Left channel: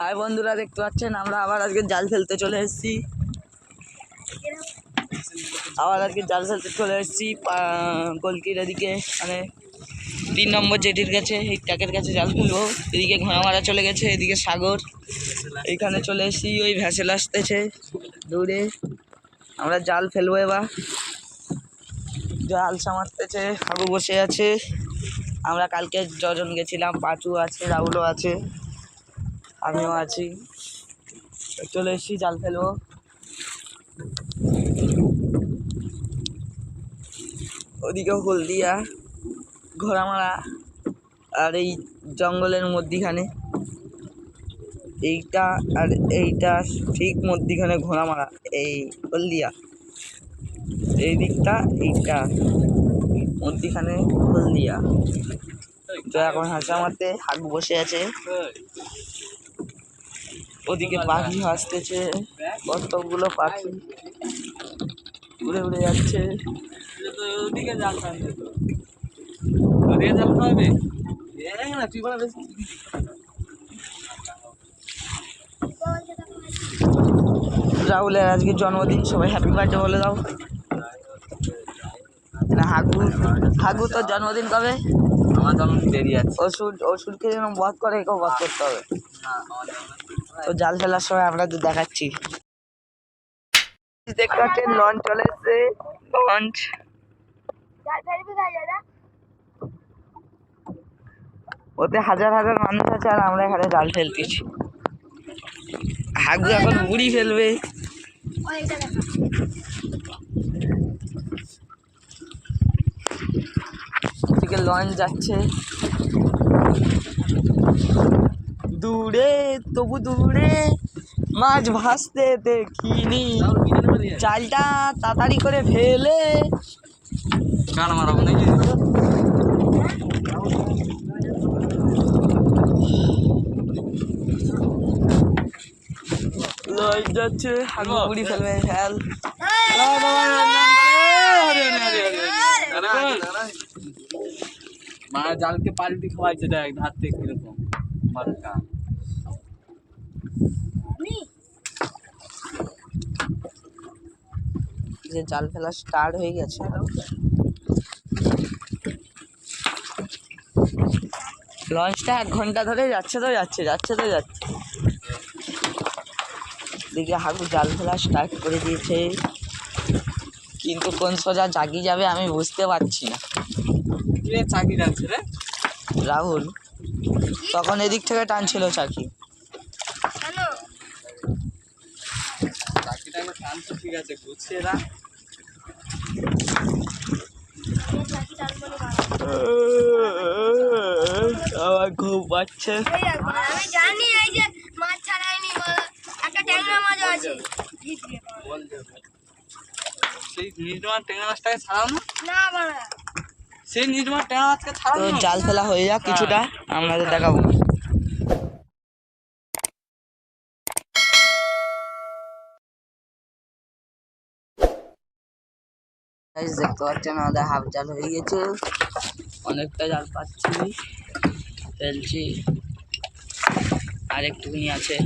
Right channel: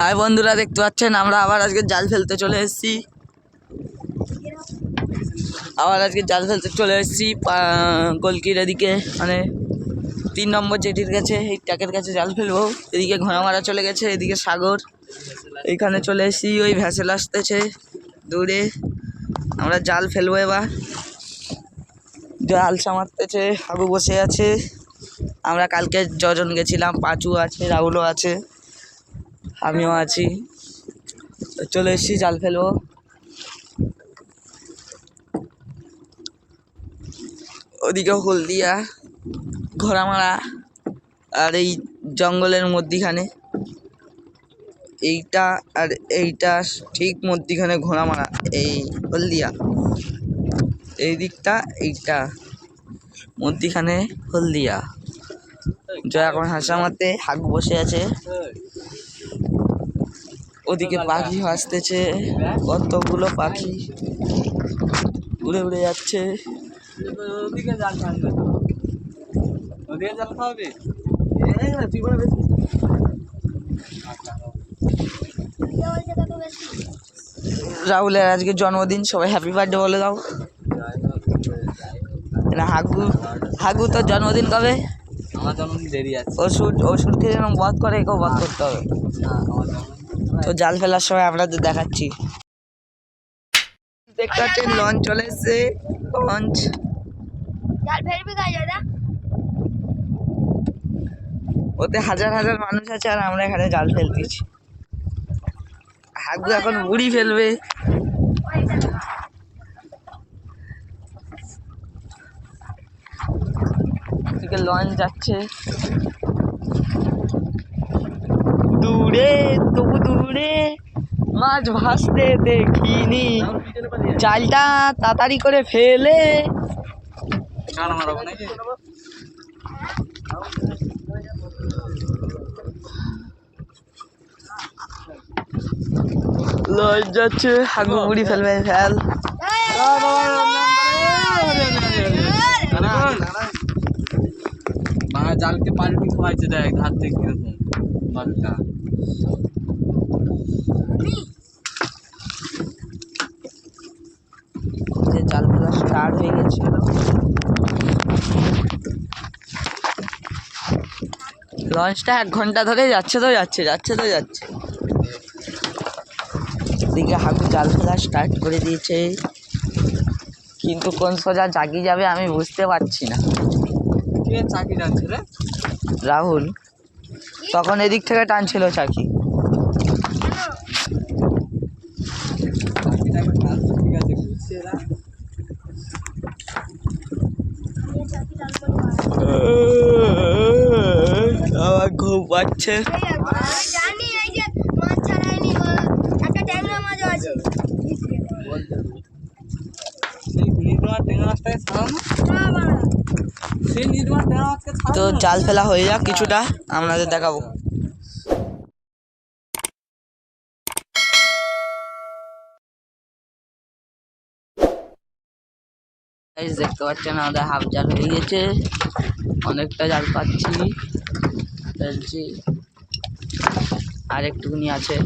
High বন্ধুরা, দেখতে পাচ্ছেন আমরা আবার আজকে জাল ফেলতে চলে এসেছি। কলকির এদিকে মানে 3 নম্বর জেটির কাছে, এই ট্যাকের কাছে জাল ফেলবো। এদিকে ঘোড়া মারা চলে গেছে, এদিকে সাগর। এইখানে চলে এসেছি, ওই ভ্যাসেল আসতেছে দূরে। আমরা জাল ফেলবো এবার। জাল সামারতেছে, হাগু বসে আছে। আমরা কালকে যজন গেছিলাম, পাঁচু আছে, রাহুলও আছে, আমিও আছি। চলে এসেছি জাল ফেলবো। ওদিকে হলদিয়া, ঘোড়ামারা, আর এই জঙ্গলের মধ্যিখানে এইটা, আর এইটা ঠিক মধ্যিখানে ঘোড়ামারা, এই হলদিয়া এই দিকটা, এইটা মধ্যিখানে হলদিয়া। জয় এখন হাসার মধ্যে হাত বসে আছে। ওদিকে পাখি আসতেছে, কতগুলো পাখি উড়ে উড়ে যাচ্ছে। ওদিকে জাল টানবে, ওদিকে জাল টানবে। রাহুলের আজকে জন্মদিন, সবাই হ্যাপি বার্থডে বলে দাও না। হাগু তোর জন্মদিন কবে? আমার জন্মদিন দেরি আছে। ওষুধকে যেন বধ করে, একেও বধ করতে হবে। তো জাল ফেলার সময় আপনাদের দেখাচ্ছি। দেখতে পাচ্ছেন লঞ্চ চলে এসছে। লঞ্চ ওতে হাজার হাজার মানুষ আছে, আর আমরা এখানে জাল ফেলতেছি। হাগু এখন বুড়ি ফেলবে। এদিকে লঞ্চ যাচ্ছে দূরে, তবু দূরে মাছ ভাসতে দেখিনি। জালটা তাড়াতাড়ি করে ফেলে লঞ্চ যাচ্ছে, হাগু বুড়ি ফেলবে। ফেল জালকে পাল্টি খাওয়াইছে, দেখ ধার থেকে কিরকম পাল্টা। যে জাল ফেলা স্টার্ট হয়ে গেছে। লঞ্চটা 1 ঘন্টা ধরে যাচ্ছে তো যাচ্ছে, যাচ্ছে তো যাচ্ছে। এদিকে হাগু জাল ফেলা স্টার্ট করে দিয়েছে, কিন্তু কোন সোজা জাগি যাবে আমি বুঝতে পারছি না। কে চাকি টানছে রে? রাহুল তখন এদিক থেকে টানছিল চাকি। ঠিক আছে, গুছিয়ে রাখ। আমার ঘুম পাচ্ছে। তো জাল ফেলা হয়ে যাক কিছুটা, আপনাদের দেখাবো। দেখতে পাচ্ছেন আমাদের হাফ জাল হয়ে গেছে, অনেকটা জাল পাচ্ছি, ফেলছি, আর একটুকুনি আছে।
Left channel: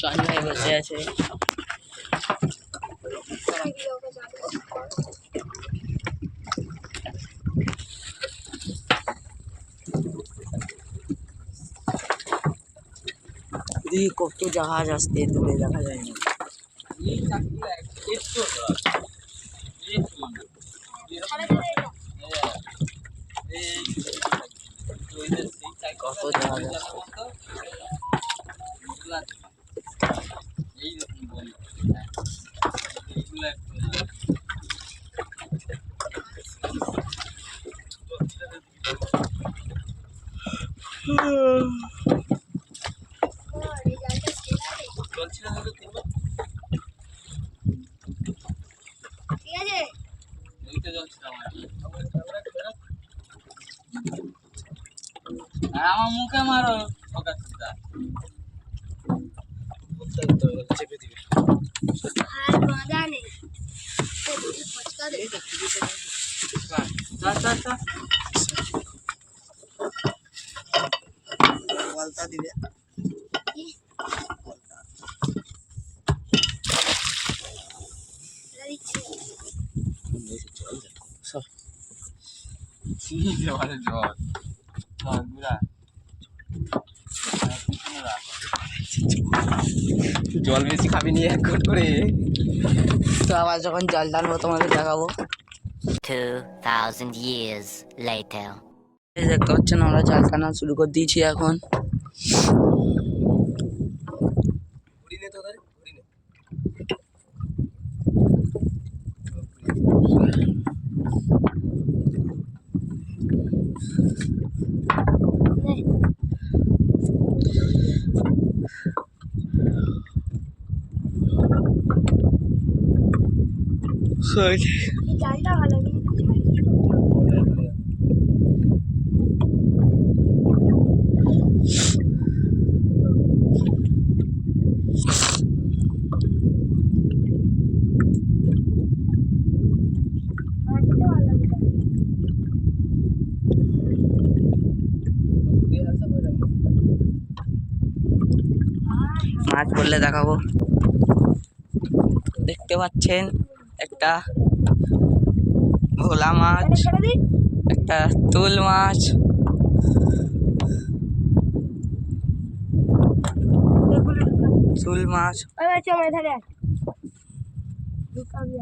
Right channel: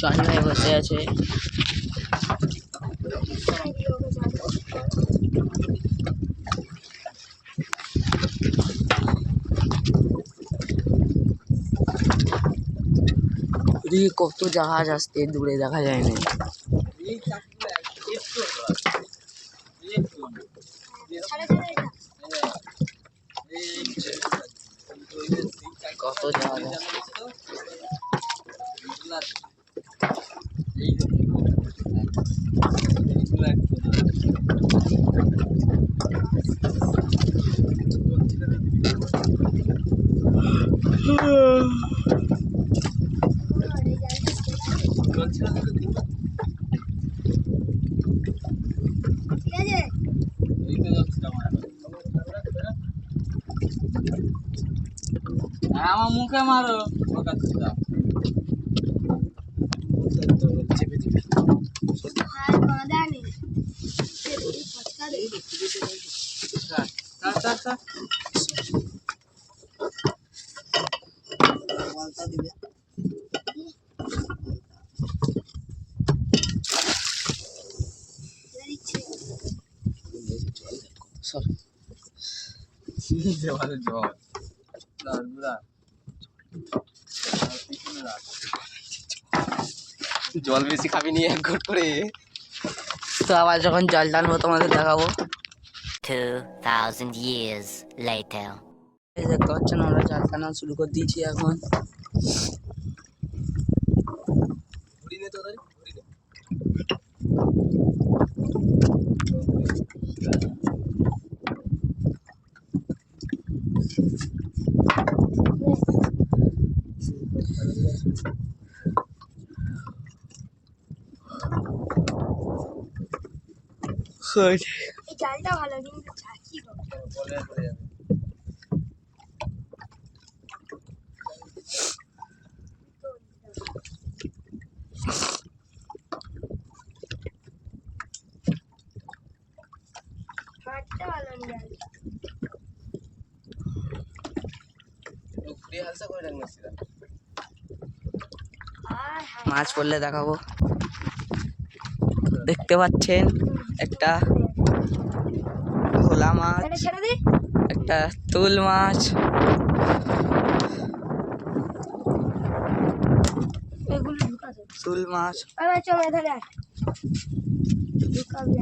চন্দ্রায় বসে আছে। কত জাহাজ আসতে দূরে দেখা যায় না। কত জাহাজ আমার মুখে মারো, চেপে দিবি। বলতা দিবে জল বেশি খাবি নি এক ঘট করে। তো আবার যখন জল টানবো তোমাদের দেখাবো। 2,000 years later. এই দেখতে পাচ্ছেন আমরা জল টানা শুরু করে দিয়েছি এখন। জালটা ভালো কিন্তু হাঁটতে ভালো জালটা মাছ পড়লে দেখাবো। দেখতে পাচ্ছেন একটা ভোলা মাছ, ছেড়ে দি একটা তুল মাছ, এগুলো তুল মাছ, ওই বাচ্চা আমার এধারে আয় ঢুকাবি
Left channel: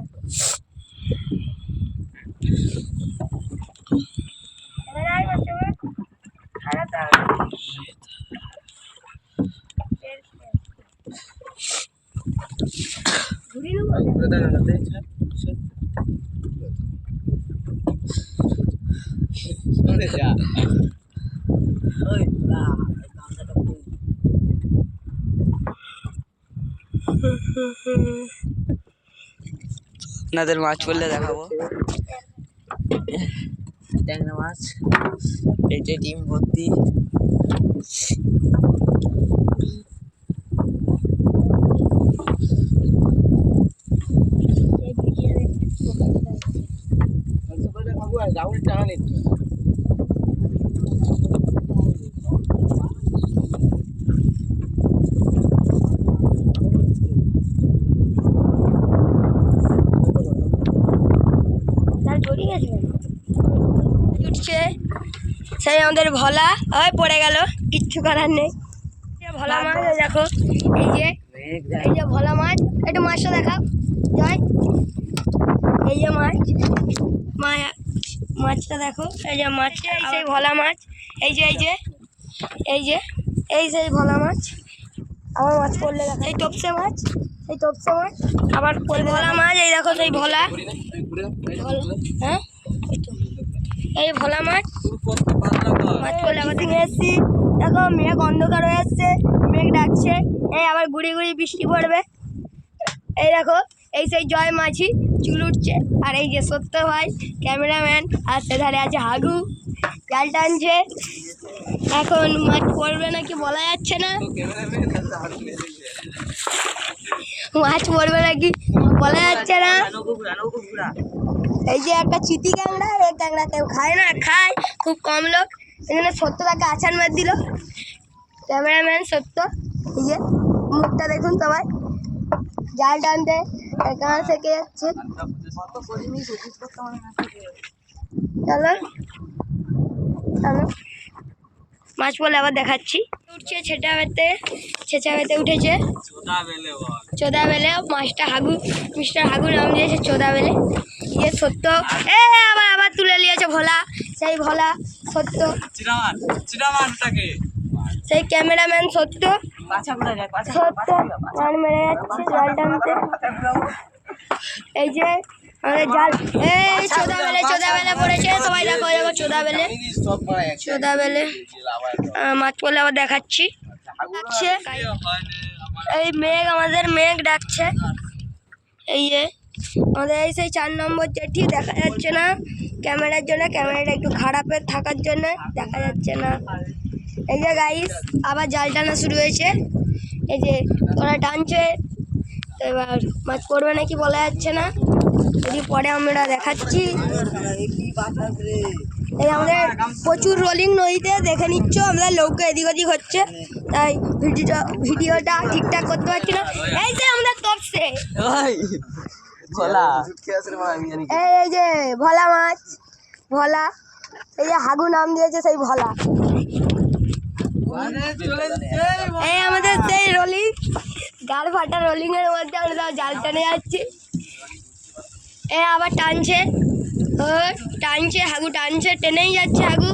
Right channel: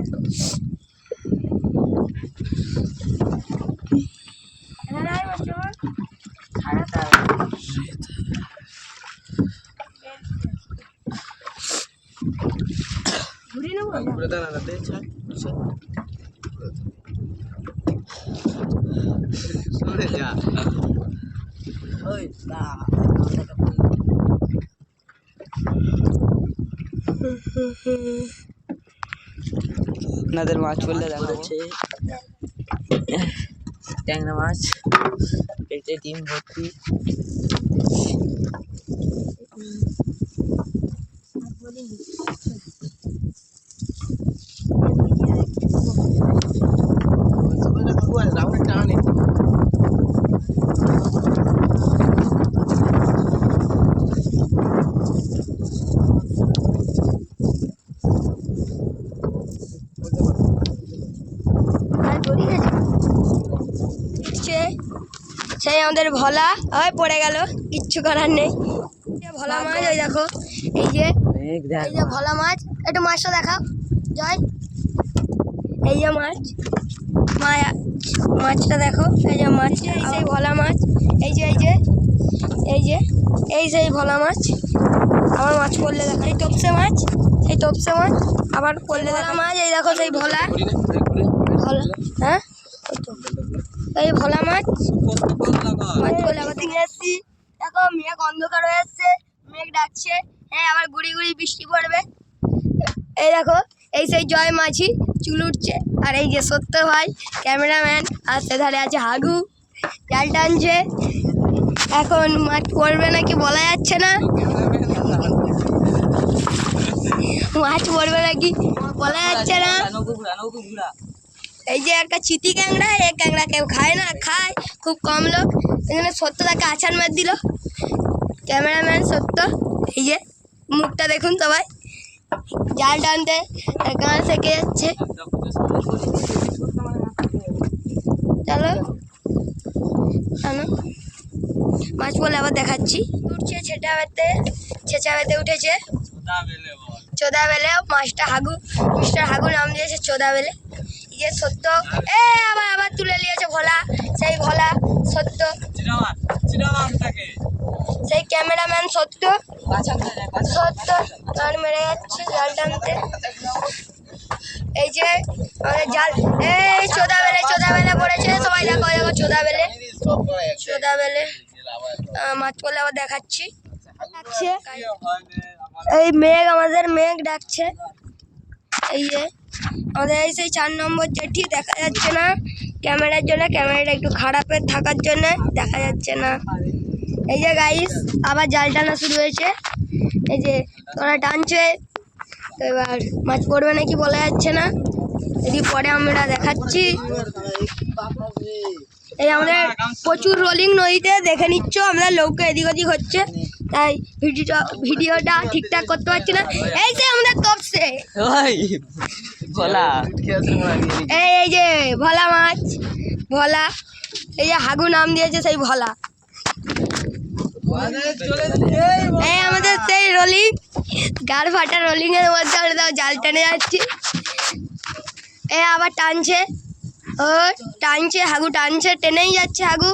এখানে আয় বাচ্চা আমার খারাপ ঘুরি নেবো আপনাদের মাছ পড়লে দেখাবো। ট্যাংরা মাছ পেটে ডিম ভর্তি। সেই আমাদের ভোলা ওই পড়ে গেল, কিচ্ছু করার নেই। ভোলা মাছ ওই দেখো, এই যে ভোলা মাছ, একটু মাছটা দেখাও জয়। এই যে মাছটা দেখো, এই যে মাছটা, সেই ভোলা মাছ, এই যে এই সেই ভোলা মাছ। আবার মাছ পড়লে দেখো, এই টপসে মাছ, আবার পড়লে ভোলা মাছ, এই দেখো সেই ভোলা। হ্যাঁ এই ভোলা মাছ পড়লে আবার দেখে এসছি। দেখো মেঘ অন্ধকার হয়ে এসছে, মেঘ ডাকছে, এই আবার গুড়ি গুড়ি বৃষ্টি পড়বে। এই দেখো এই সেই জয় মাঝি চুল উঠছে, আর এই যে সত্য ভাই ক্যামেরাম্যান, আর সেধারে আছে হাগু জাল টানছে। এখন মাছ পড়বে নাকি বলা যাচ্ছে না, মাছ পড়বে নাকি বলা যাচ্ছে না। এই যে একটা চিতি ক্যাংড়া, এই ক্যাংড়া কেউ খায় না, খায় খুব কম লোক। এখানে সত্য তাকে আছাড় মার দিল, ক্যামেরাম্যান সত্য। এই যে মুখটা দেখুন সবাই, জাল টানতে এখানে থেকে যাচ্ছে। চলো টানো, মাছ বলে আবার দেখাচ্ছি। উঠছে ছেঁচা বেতে উঠেছে চোদা বেলে। মাছটা মিস্টার হাগু নাম দিয়েছে চোদা বেলে। ইয়ে সত্য আবার তুলে নিয়েছে ভোলা, সেই ভোলা সত্য, সেই ক্যামেরাম্যান সত্য গান মেরে যাচ্ছে জাল টানতে। এই যে আমাদের জাল, এই চোদা বেলে পড়েছে সবাই, দেখো চোদা বেলে মাছ পড়লে আবার দেখাচ্ছি। এই আমাদের মেঘ ডাকছে। এই যে আমাদের এই সেই 4 নম্বর জেটি, দেখা যাচ্ছে না ক্যামেরার জন্য, ক্যামেরাটা একটু খারাপের থাকার জন্য দেখা যাচ্ছে না। এই যে গাইস আবার জাল টানা শুরু হয়েছে, এই যে তোরা টানছে। তো এবার মাছ পড়বে নাকি বলা যাচ্ছে না, যদি পরে আমরা দেখাচ্ছি। এই আমাদের প্রচুর রোলিং নদীতে দেখে নিচ্ছ, আমরা নৌকা এদিক ওদিক হচ্ছে, তাই ভিডিওটা ঠিকঠাক করতে পারছি না। এই যে আমাদের তপসে ওই খোলা এই যে ভোলা মাছ, ভোলা, এই যে হাগু নাম দিয়েছে সেই ভোলা। এই আমাদের সেই রোলিং, গাড় ফাটা রোলিং এর মধ্যে আমরা জাল টেনে যাচ্ছি। এ আবার টানছে, ও টানছে, হাগু টানছে, টেনেই যাচ্ছে হাগু।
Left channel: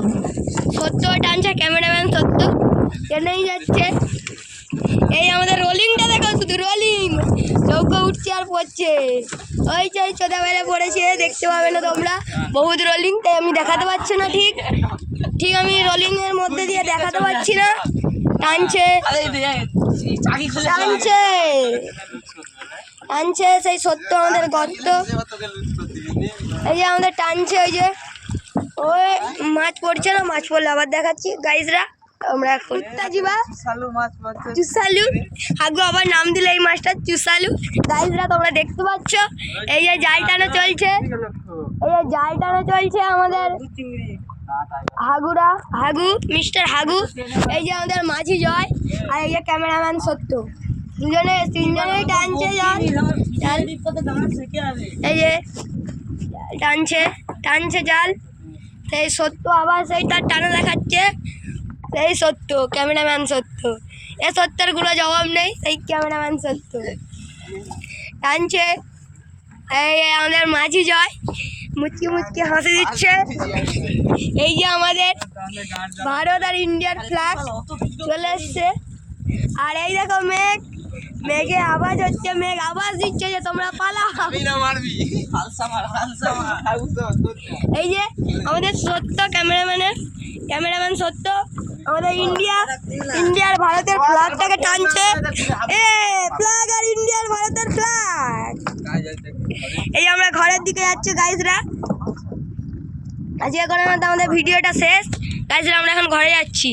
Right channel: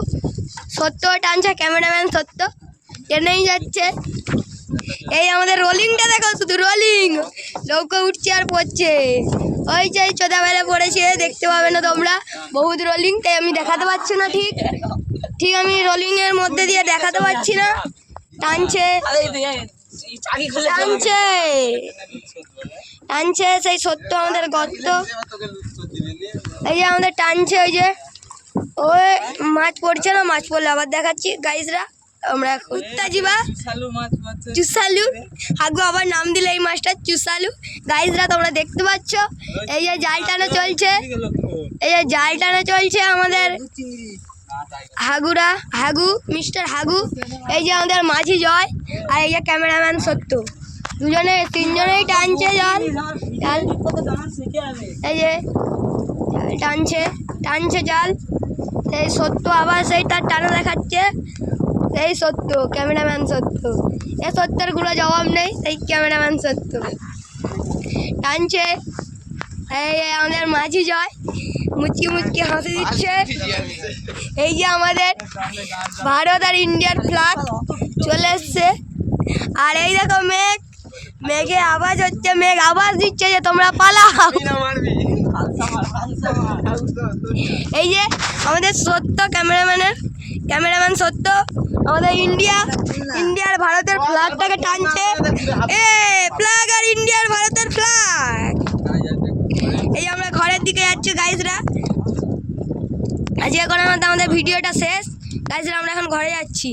সত্য টানছে, ক্যামেরাম্যান সত্য টেনেই যাচ্ছে। এই আমাদের রোলিংটা দেখো, শুধু রোলিং, নৌকো উঠছে আর পড়ছে। ওই যে চোদা বেলা পড়েছে, দেখতে পাবে না তোমরা, বহুত রোলিং, তাই আমি দেখাতে পারছি না ঠিক ঠিক আমি রোলিংয়ের মধ্যে দিয়ে দেখাতে পারছি না। টানছে টানছে টানছে, সেই সত্য আমাদের গর্ত। এই যে আমাদের টানছে, ওই যে ওই মাছ পড়ছে না, মাছ পড়লে আবার দেখাচ্ছি গাইজরা। আমরা এখন তাজিবা সালু মাছ পাচ্ছে। চুসালু, হাগু আবার নাম দিলে এই মাছটা চুসালু। গাইজরা তোমরা দেখতে পাচ্ছ, এই যে জাল টানা চলছে, এই যে জাল টানা চলছে আমাদের হাগুরা, হাগু, মিস্টার হাগু, এই যে আমাদের মাঝি জয়, আর এই যে ক্যামেরাম্যান সত্য, দুজনে তিনজনেই টানছে জাল। জাল এই যে টানছে টানছে জাল, সেই সত্য আবার সেই তার টানা দেখাচ্ছে, সেই সত্য ক্যামেরাম্যান সত্য। এ সত্যের কোনো জবাব নেই, সেই ক্যামেরাম্যান সত্য টানছে। এই আমাদের মাঝি জয় মুচকি মুচকি হাসি দিচ্ছে। এই যে আমাদের ভারত আর ইন্ডিয়ার ফ্ল্যাগ চলে এসছে। আর এই দেখো মেঘ, মেঘে আওয়াজ হচ্ছে, মেঘ আওয়াজ দিচ্ছে যে তোমরা পালাও। এই যে আমাদের সত্য ক্যামেরাম্যান সত্য, আমাদের ইন্ডিয়ার ভারতের ফ্ল্যাগটাকে টানছে। এ ফ্ল্যাগ আর ইন্ডিয়ার ভারতের ফ্ল্যাগ। এই আমরা ঘরের দিকে যাচ্ছি গাইজরা। আজকে এখন আমাদের ভিডিওটা শেষ গাইজরা, আমরা এখন ঘরে যাচ্ছি।